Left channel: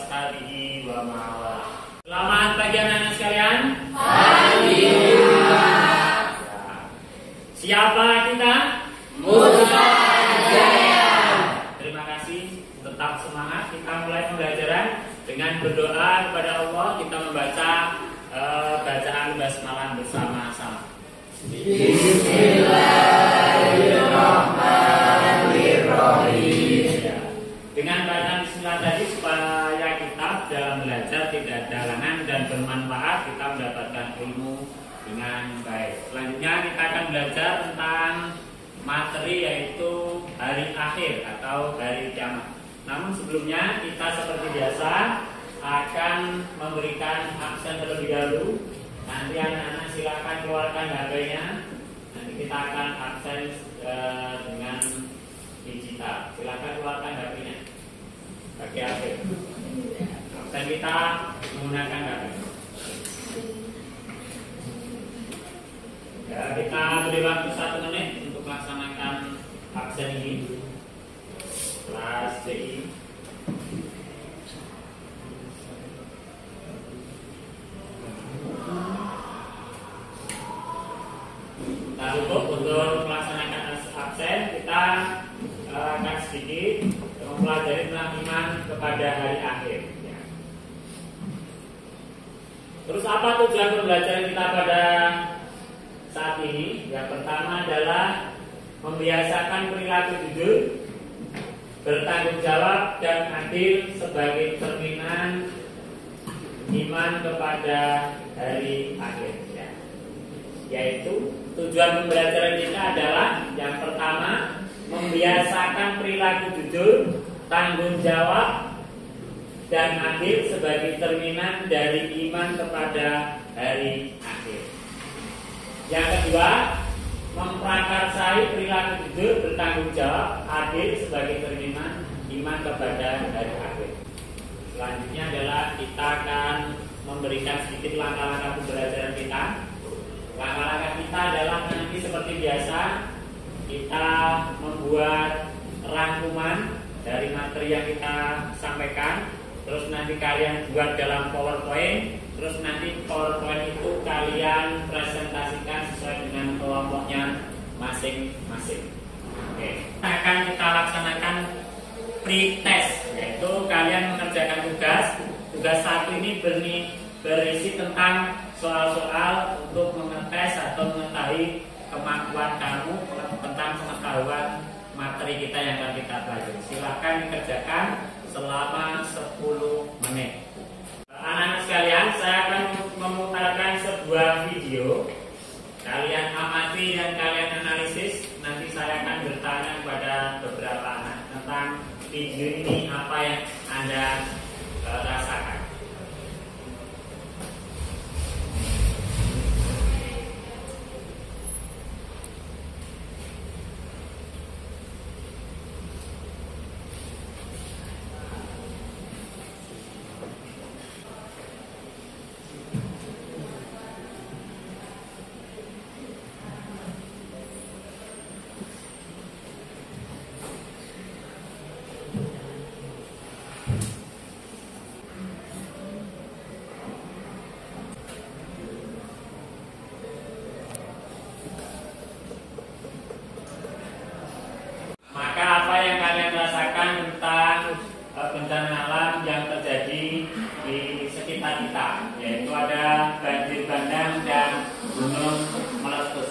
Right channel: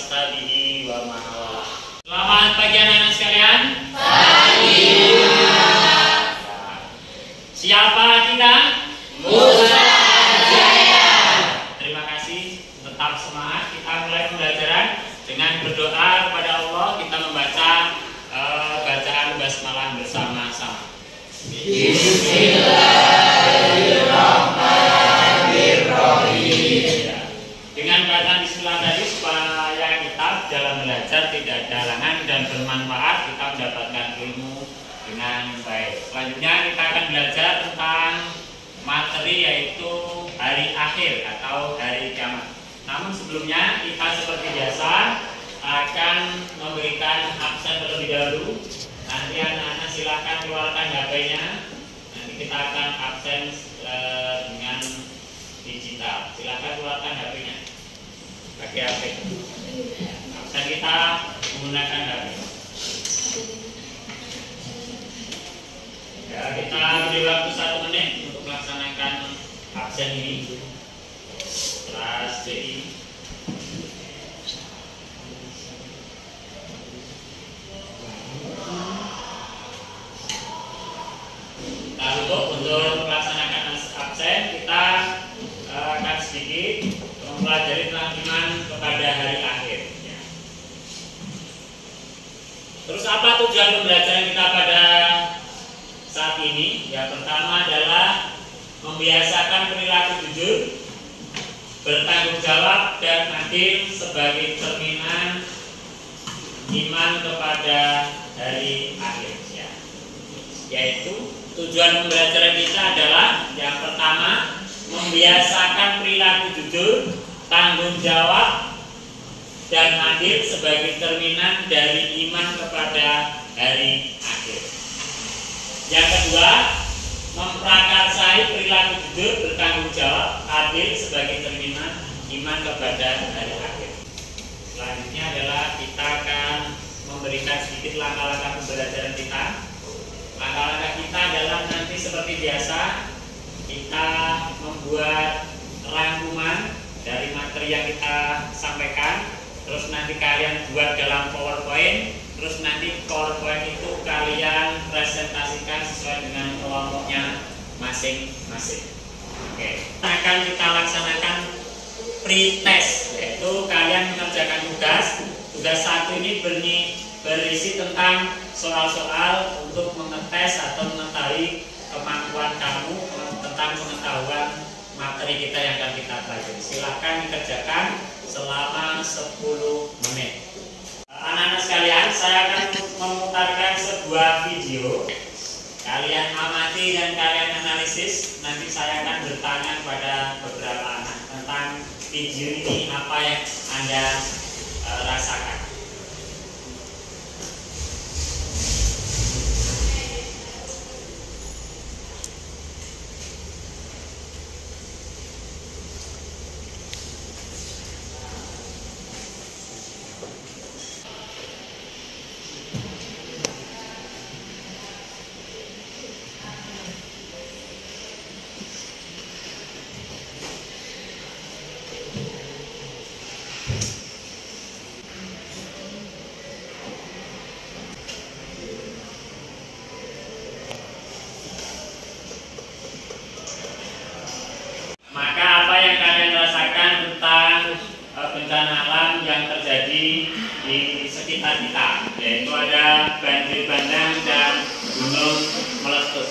ashabihi wa ma'ala. Selamat pagi anak-anak sekalian. Pagi. Siapa kita? Musa Jaya. Terima kasih, tetap semangat. Kita mulai pembelajaran dengan berdoa kepada Allah. Kita membaca bacaan basmalah bersama-sama. Bismillahirrahmanirrahim. Dengan bacaan bismillah tadi supaya kita dalam belajar tidak ada halangan dan bermanfaat, kita mendapatkan ilmu dengan baik. Selanjutnya kita akan belajar tentang materi yaitu hari akhir atau hari kiamat. Namun sebelumnya kita seperti biasa akan memberikan absen terlebih dahulu. Nanti anak-anak silakan keluarkan HP-nya. Nanti kita akan absen dengan digital. Silakan keluarkan HP-nya. Pakai HP. Absen kita menggunakan HP. Ya, kita beri waktu 1 menit untuk melaksanakan absen ini. Kelas CI. Nah, untuk melaksanakan absen kita akan sedikit mempelajari tentang iman kepada hari akhir. Ya. Terus apa tujuan pembelajaran kita pada saat ini? Yang pertama adalah membiasakan perilaku jujur, bertanggung jawab dan adil sebagai cerminan iman kepada hari akhir. Ya. Yaitu tujuan pembelajaran kita adalah yang pertama membiasakan perilaku jujur, tanggung jawab dan adil sebagai cerminan dari iman kepada hari akhir. Yang kedua, memprakarsai perilaku jujur, bertanggung jawab, adil sebagai cerminan iman kepada hari akhir. Selanjutnya adalah kita akan memberikan sedikit langkah-langkah pembelajaran kita. Langkah-langkah kita adalah nanti seperti biasa kita membuat rangkuman dari materi yang kita sampaikan. Terus nanti kalian buat dalam PowerPoint. Terus nanti PowerPoint itu kalian presentasikan sesuai dengan kelompoknya masing-masing. Oke. Akan kita laksanakan pre-test, yaitu kalian mengerjakan tugas 1 ini berisi tentang soal-soal untuk mengetes atau mengetahui kemampuan kamu tentang pengetahuan materi kita yang akan kita pelajari. Silakan dikerjakan selama 10 menit. Anak-anak sekalian, saya akan memutarkan sebuah video. Kalian amati dan kalian analisis. Nanti saya akan bertanya kepada beberapa anak tentang video ini, apa yang Anda rasakan. Bencana alam yang terjadi di sekitar kita, yaitu ada banjir bandang dan gunung meletus.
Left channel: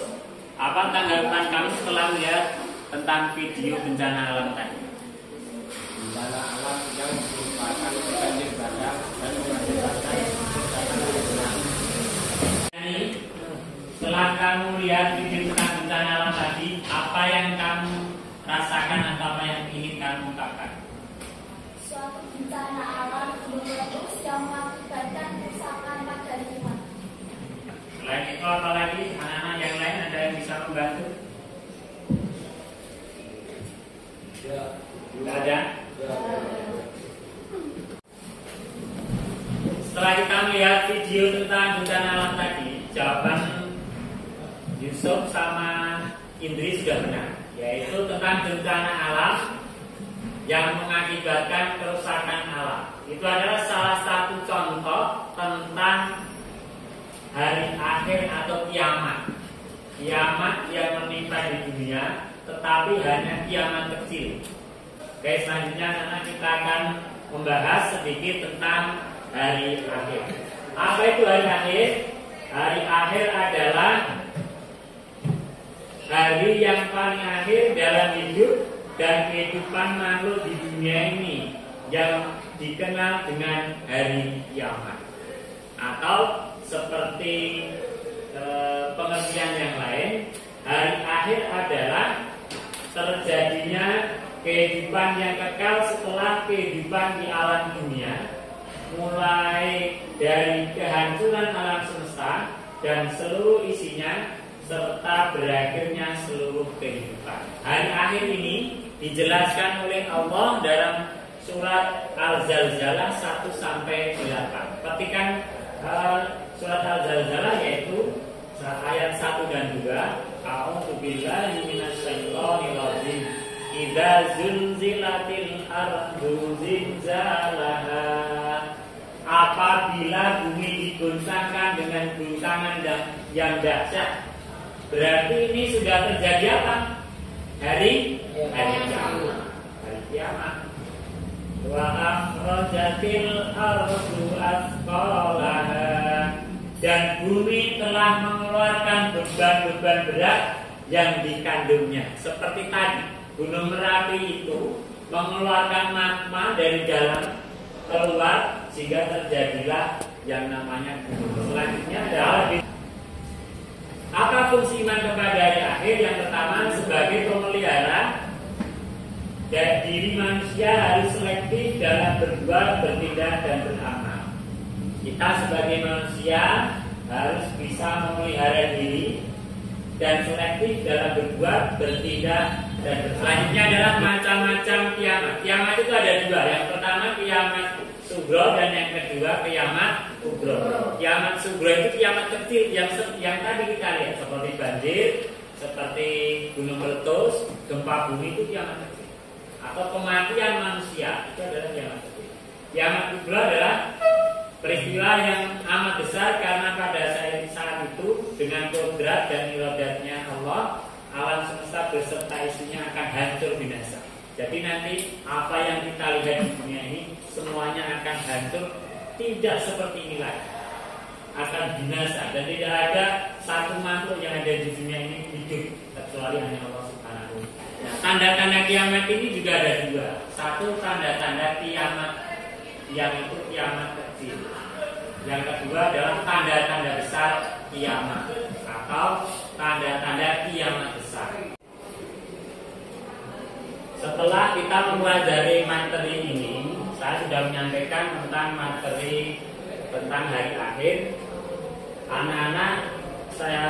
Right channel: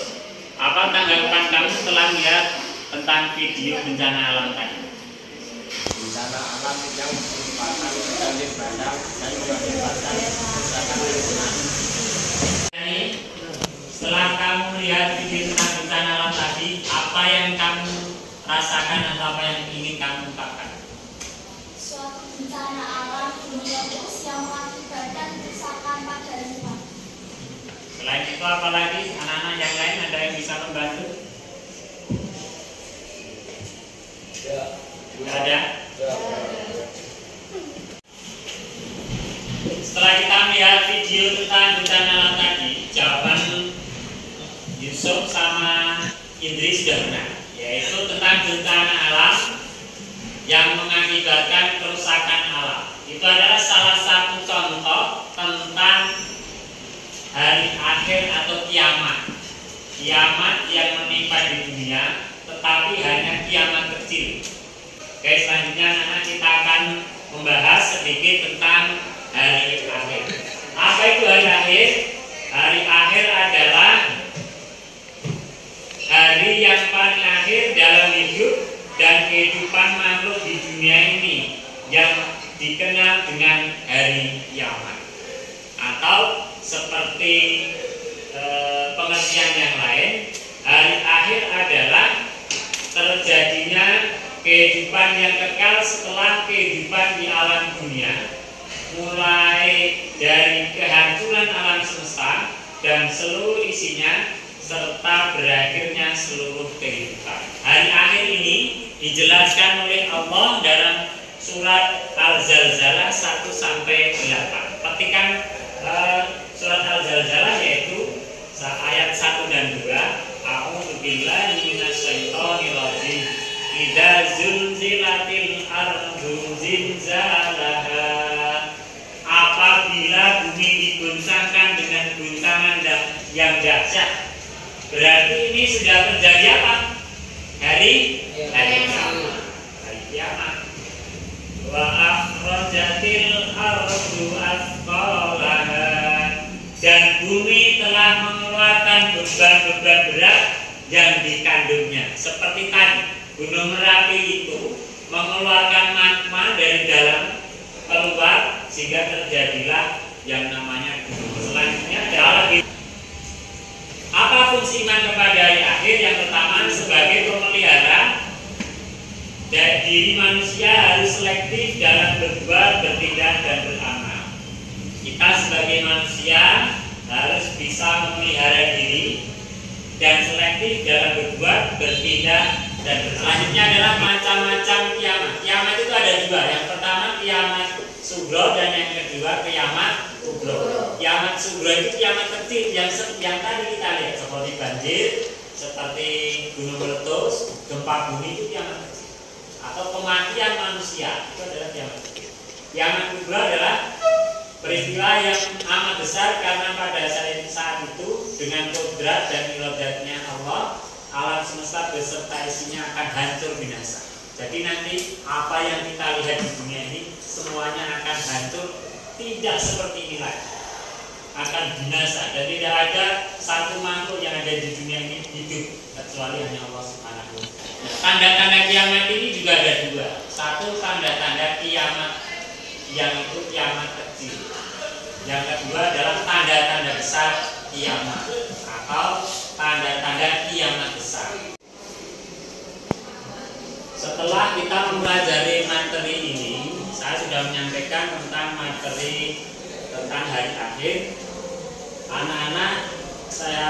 Apa tanggapan kamu setelah melihat tentang video bencana alam tadi? Bencana alam yang merupakan banjir bandang dan mengakibatkan kerusakan lingkungan. Setelah kamu lihat video tentang bencana alam tadi, apa yang kamu rasakan atau apa yang ingin kamu ungkapkan? Suatu bencana alam gunung meletus yang mengakibatkan kerusakan pada lingkungan. Selain itu apalagi anak-anak yang lain ada yang bisa membantu? Tidak ada? Setelah kita melihat video tentang bencana alam tadi, jawaban Yusuf sama Indri sudah benar, yaitu tentang bencana alam yang mengakibatkan kerusakan alam. Itu adalah salah satu contoh tentang hari akhir atau kiamat. Kiamat yang menimpa di dunia, tetapi hanya kiamat kecil. Oke, selanjutnya anak kita akan membahas sedikit tentang hari akhir. Apa itu hari akhir? Hari akhir adalah hari yang paling akhir dalam hidup dan kehidupan makhluk di dunia ini, yang dikenal dengan hari kiamat. Atau seperti pengertian yang lain, hari akhir adalah terjadinya kehidupan yang kekal setelah kehidupan di alam dunia, mulai dari kehancuran alam semesta dan seluruh isinya, serta berakhirnya seluruh kehidupan. Hari akhir ini dijelaskan oleh Allah dalam surat Al-Zalzalah 1-8. Petikan surat Al-Zalzalah yaitu ayat 1 dan 2. A'udzubillahi minasyaitonir rajim. Idza zulzilatil ardu zilzalaha. Apabila bumi diguncangkan dengan guncangan yang dahsyat. Berarti ini sudah terjadi apa? Hari kiamat. Hari kiamat. Wa akhrajatil ardu athqalaha. Dan bumi telah mengeluarkan beban-beban berat yang dikandungnya. Seperti tadi, Gunung Merapi itu mengeluarkan magma dari dalam keluar sehingga terjadilah yang namanya gunung. Selanjutnya adalah apa fungsi iman kepada hari akhir? Yang pertama, sebagai pemelihara diri manusia harus selektif dalam berbuat, bertindak, dan beramal. Kita sebagai manusia harus bisa memelihara diri dan selektif dalam berbuat, bertindak, dan selanjutnya adalah macam-macam kiamat. Kiamat itu ada dua. Yang pertama kiamat sugro dan yang kedua kiamat kubro. Kiamat sugro itu kiamat kecil yang tadi kita lihat seperti banjir, seperti gunung meletus, gempa bumi, itu kiamat kecil. Atau kematian manusia, itu adalah kiamat kecil. Kiamat kubro adalah peristiwa yang amat besar karena pada saat itu dengan kodrat dan iradatnya Allah, alam semesta beserta isinya akan hancur binasa. Jadi nanti apa yang kita lihat di dunia ini semuanya akan hancur, tidak seperti ini lagi, akan binasa, dan tidak ada satu makhluk yang ada di dunia ini hidup kecuali hanya Allah Subhanahu. Nah, tanda-tanda kiamat ini juga ada dua. Satu, tanda-tanda kiamat yang itu kiamat kecil. Yang kedua adalah tanda-tanda besar kiamat atau tanda-tanda kiamat besar. Setelah kita mempelajari materi ini, saya sudah menyampaikan tentang materi tentang hari akhir. Anak-anak saya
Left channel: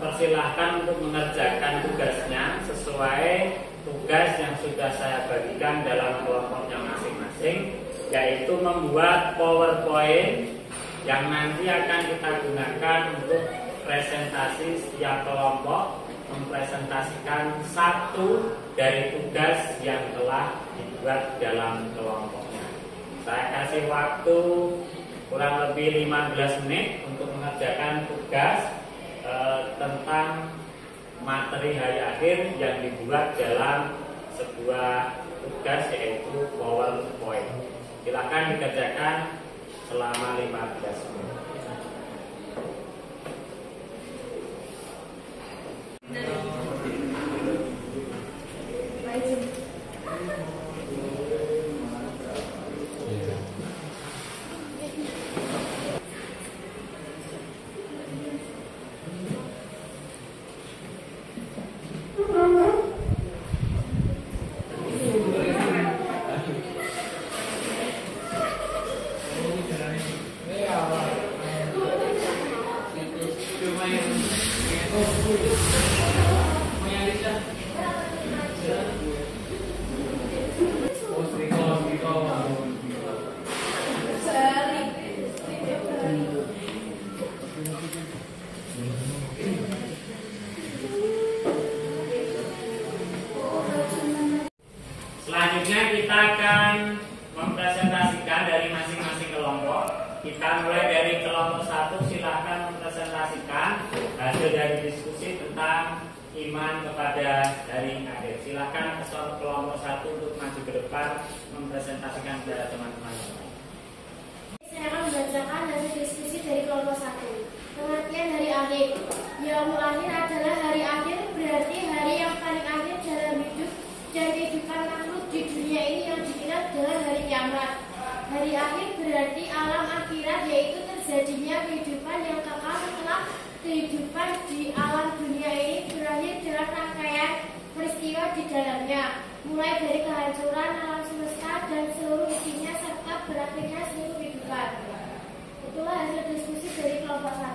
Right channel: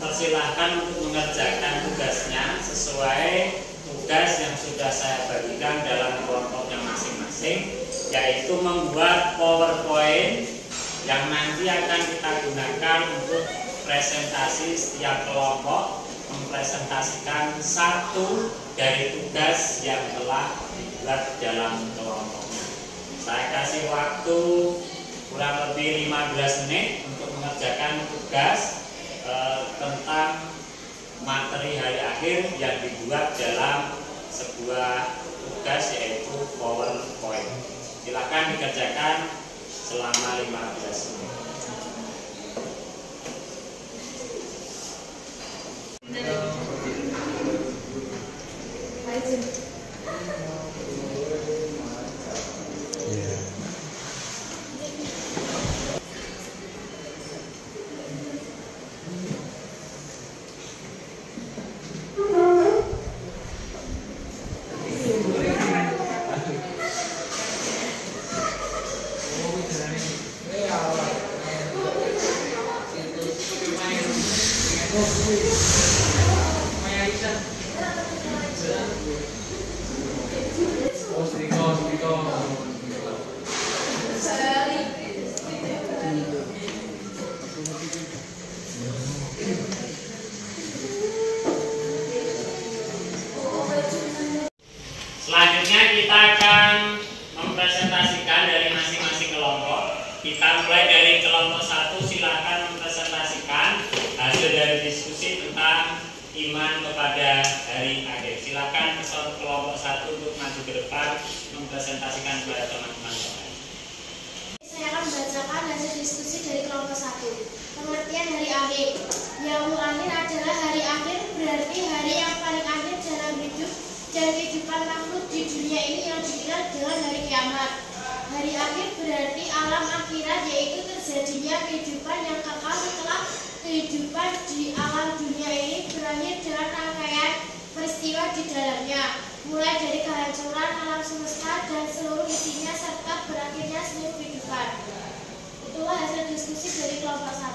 persilahkan untuk mengerjakan tugasnya sesuai tugas yang sudah saya bagikan dalam kelompoknya masing-masing, yaitu membuat PowerPoint yang nanti akan kita gunakan untuk presentasi setiap kelompok, mempresentasikan satu dari tugas yang telah dibuat dalam kelompoknya. Saya kasih waktu kurang lebih 15 menit untuk mengerjakan tugas tentang materi hari akhir yang dibuat dalam sebuah tugas yaitu PowerPoint. Silakan dikerjakan selama 15 menit. Selanjutnya kita akan mempresentasikan dari Kita mulai dari kelompok 1, silakan mempresentasikan hasil dari diskusi tentang iman kepada hari akhir. Silakan kelompok 1 untuk maju ke depan mempresentasikan kepada teman-teman. Saya akan membacakan hasil diskusi dari kelompok 1. Pengertian hari akhir. Yaumul akhir adalah hari akhir, berarti hari yang paling akhir dalam hidup dan kehidupan makhluk di dunia ini yang dikenal dengan hari kiamat. Hari akhir berarti alam akhirat, yaitu terjadinya kehidupan yang kekal setelah kehidupan di alam dunia ini berakhir dengan rangkaian peristiwa di dalamnya, mulai dari kehancuran alam semesta dan seluruh isinya serta berakhirnya seluruh kehidupan. Itulah hasil diskusi dari kelompok 1.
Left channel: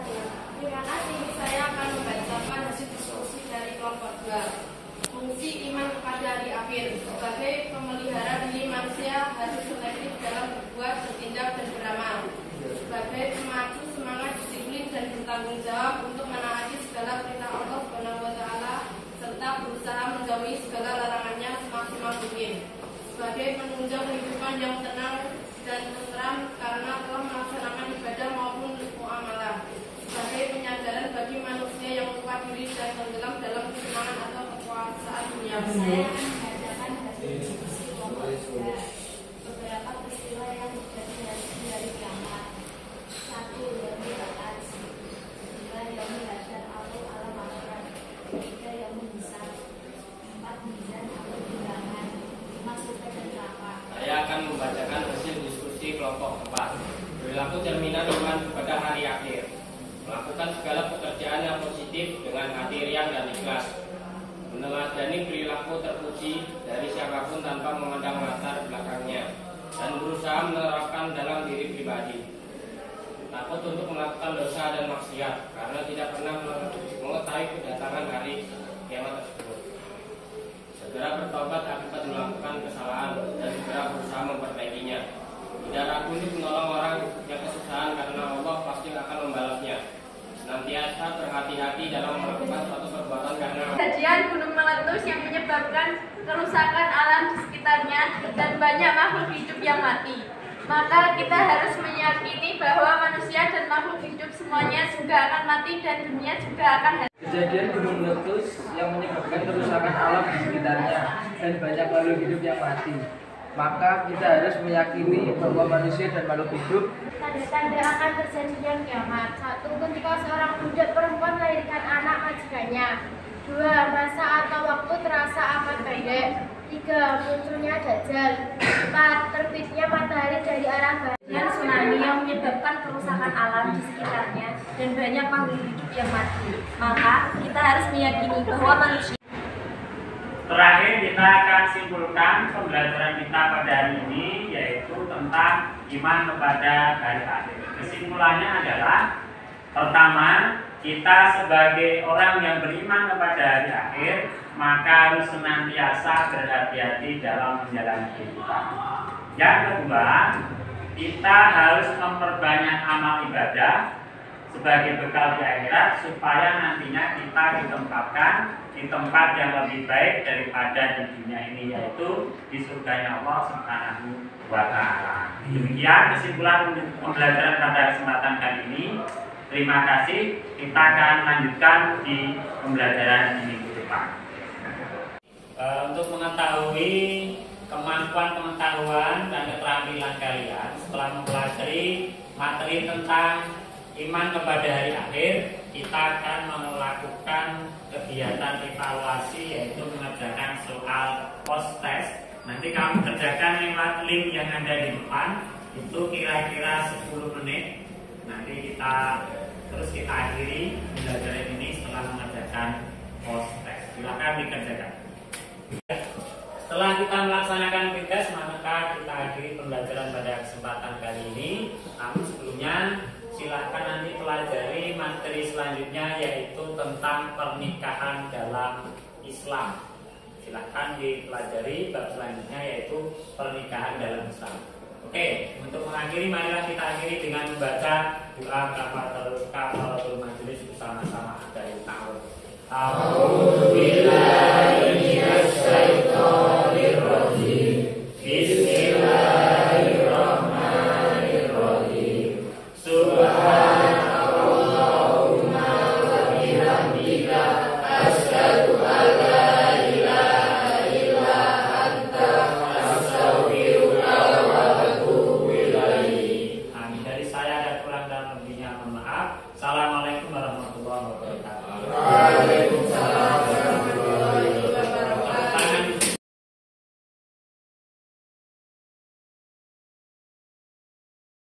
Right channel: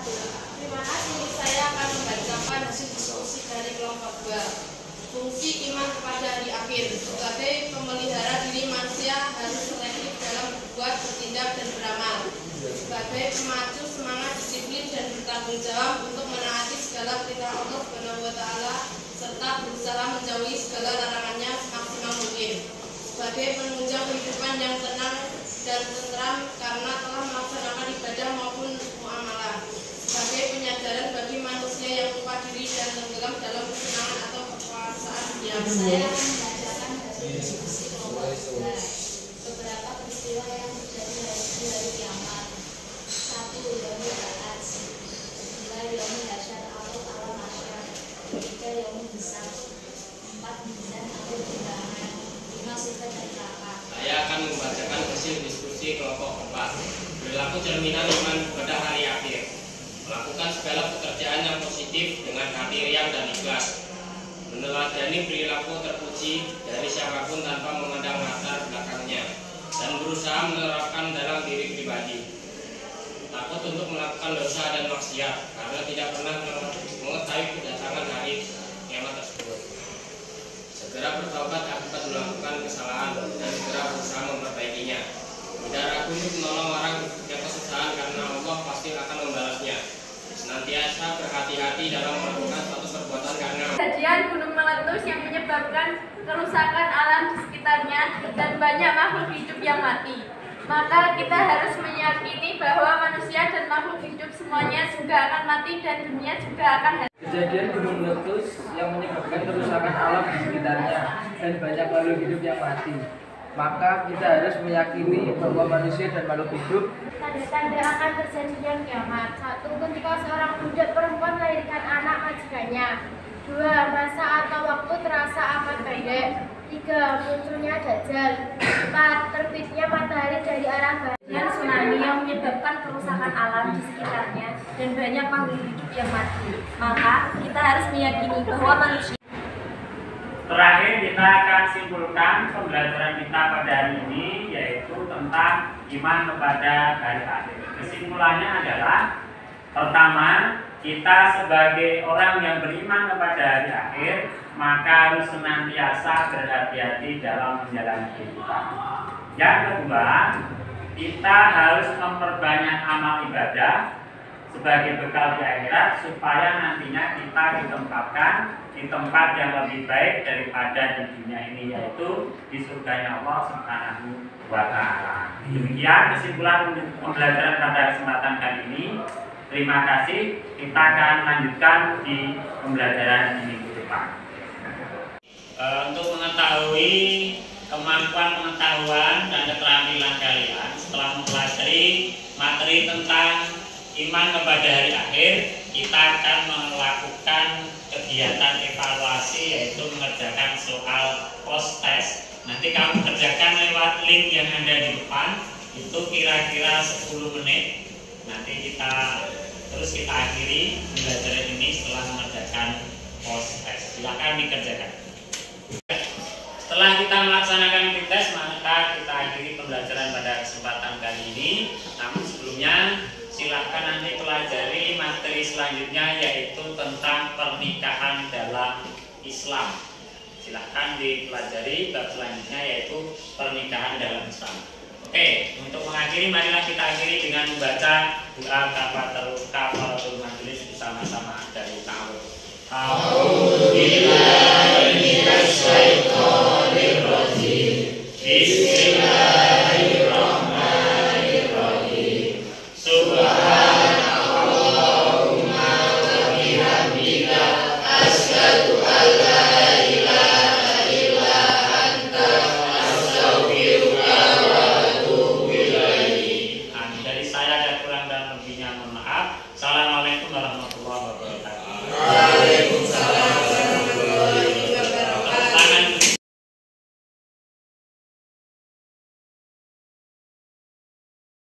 Terima kasih. Saya akan membacakan hasil diskusi dari kelompok 2. Fungsi iman kepada hari akhir. Sebagai pemelihara diri manusia harus selektif dalam berbuat, bertindak, dan beramal. Sebagai pemacu semangat, disiplin, dan bertanggung jawab untuk menaati segala perintah Allah SWT serta berusaha menjauhi segala larangannya semaksimal mungkin. Sebagai penunjang kehidupan yang tenang dan tentram karena telah melaksanakan ibadah maupun muamalah. Sebagai penyadaran bagi manusia yang lupa diri dan tenggelam dalam kesenangan atau kekuasaan dunia. Saya akan membacakan hasil diskusi kelompok 3. Beberapa peristiwa yang terjadi di hari kiamat. 1. Yaumul ba'ats. 2. Yaumul hasyar atau alam hasyar. 3. Yaumul hisab. 4. Mizan atau timbangan. 5. Surga dan neraka. Saya akan membacakan hasil diskusi kelompok 4. Perilaku cerminan iman kepada hari akhir. Melakukan segala pekerjaan yang positif dengan hati riang dan ikhlas. Meneladani perilaku terpuji dari siapapun tanpa memandang latar belakangnya, dan berusaha menerapkan dalam diri pribadi. Takut untuk melakukan dosa dan maksiat karena tidak pernah mengetahui kedatangan hari kiamat tersebut. Segera bertobat akibat melakukan kesalahan dan segera berusaha memperbaikinya. Tidak ragu untuk menolong orang yang kesusahan karena Allah pasti akan membalasnya. Senantiasa berhati-hati dalam melakukan suatu perbuatan karena Kejadian gunung meletus yang menyebabkan kerusakan alam di sekitarnya dan banyak makhluk hidup yang mati. Maka kita harus meyakini bahwa manusia dan makhluk hidup semuanya juga akan mati dan dunia juga akan hancur. Kejadian gunung meletus yang menyebabkan kerusakan alam di sekitarnya dan banyak makhluk hidup yang mati. Maka kita harus meyakini bahwa manusia dan makhluk hidup Tanda-tanda akan terjadinya kiamat. 1. Ketika seorang budak perempuan melahirkan anak majikannya. 2. Masa atau waktu terasa amat pendek. 3. Munculnya dajjal. 4. Terbitnya matahari dari arah barat. Dan tsunami yang menyebabkan kerusakan alam di sekitarnya dan banyak makhluk hidup yang mati. Maka kita harus meyakini bahwa manusia. Terakhir kita akan simpulkan pembelajaran kita pada hari ini, yaitu tentang iman kepada hari akhir. Kesimpulannya adalah, pertama, kita sebagai orang yang beriman kepada hari akhir, maka harus senantiasa berhati-hati dalam menjalani kehidupan. Yang kedua, kita harus memperbanyak amal ibadah sebagai bekal di akhirat supaya nantinya kita ditempatkan di tempat yang lebih baik daripada di dunia ini, yaitu di surganya Allah Subhanahu wa Ta'ala. Demikian kesimpulan pembelajaran pada kesempatan kali ini. Terima kasih. Kita akan lanjutkan di pembelajaran di minggu depan. Untuk mengetahui kemampuan pengetahuan dan keterampilan kalian setelah mempelajari materi tentang iman kepada hari akhir, kita akan melakukan kegiatan evaluasi, yaitu mengerjakan soal post test. Nanti kamu kerjakan lewat link yang ada di depan, itu kira-kira 10 menit. Nanti kita akhiri pembelajaran ini setelah mengerjakan post test. Silakan dikerjakan. Setelah kita melaksanakan tes, maka kita akhiri pembelajaran pada kesempatan kali ini. Namun sebelumnya, silakan nanti pelajari materi selanjutnya, yaitu tentang pernikahan dalam Islam. Silakan dipelajari bab selanjutnya, yaitu pernikahan dalam Islam. Oke, untuk mengakhiri, marilah kita akhiri dengan membaca doa kafaratul majelis bersama-sama dari ta'awudz. Bismillahirrahmanirrahim. Assalamualaikum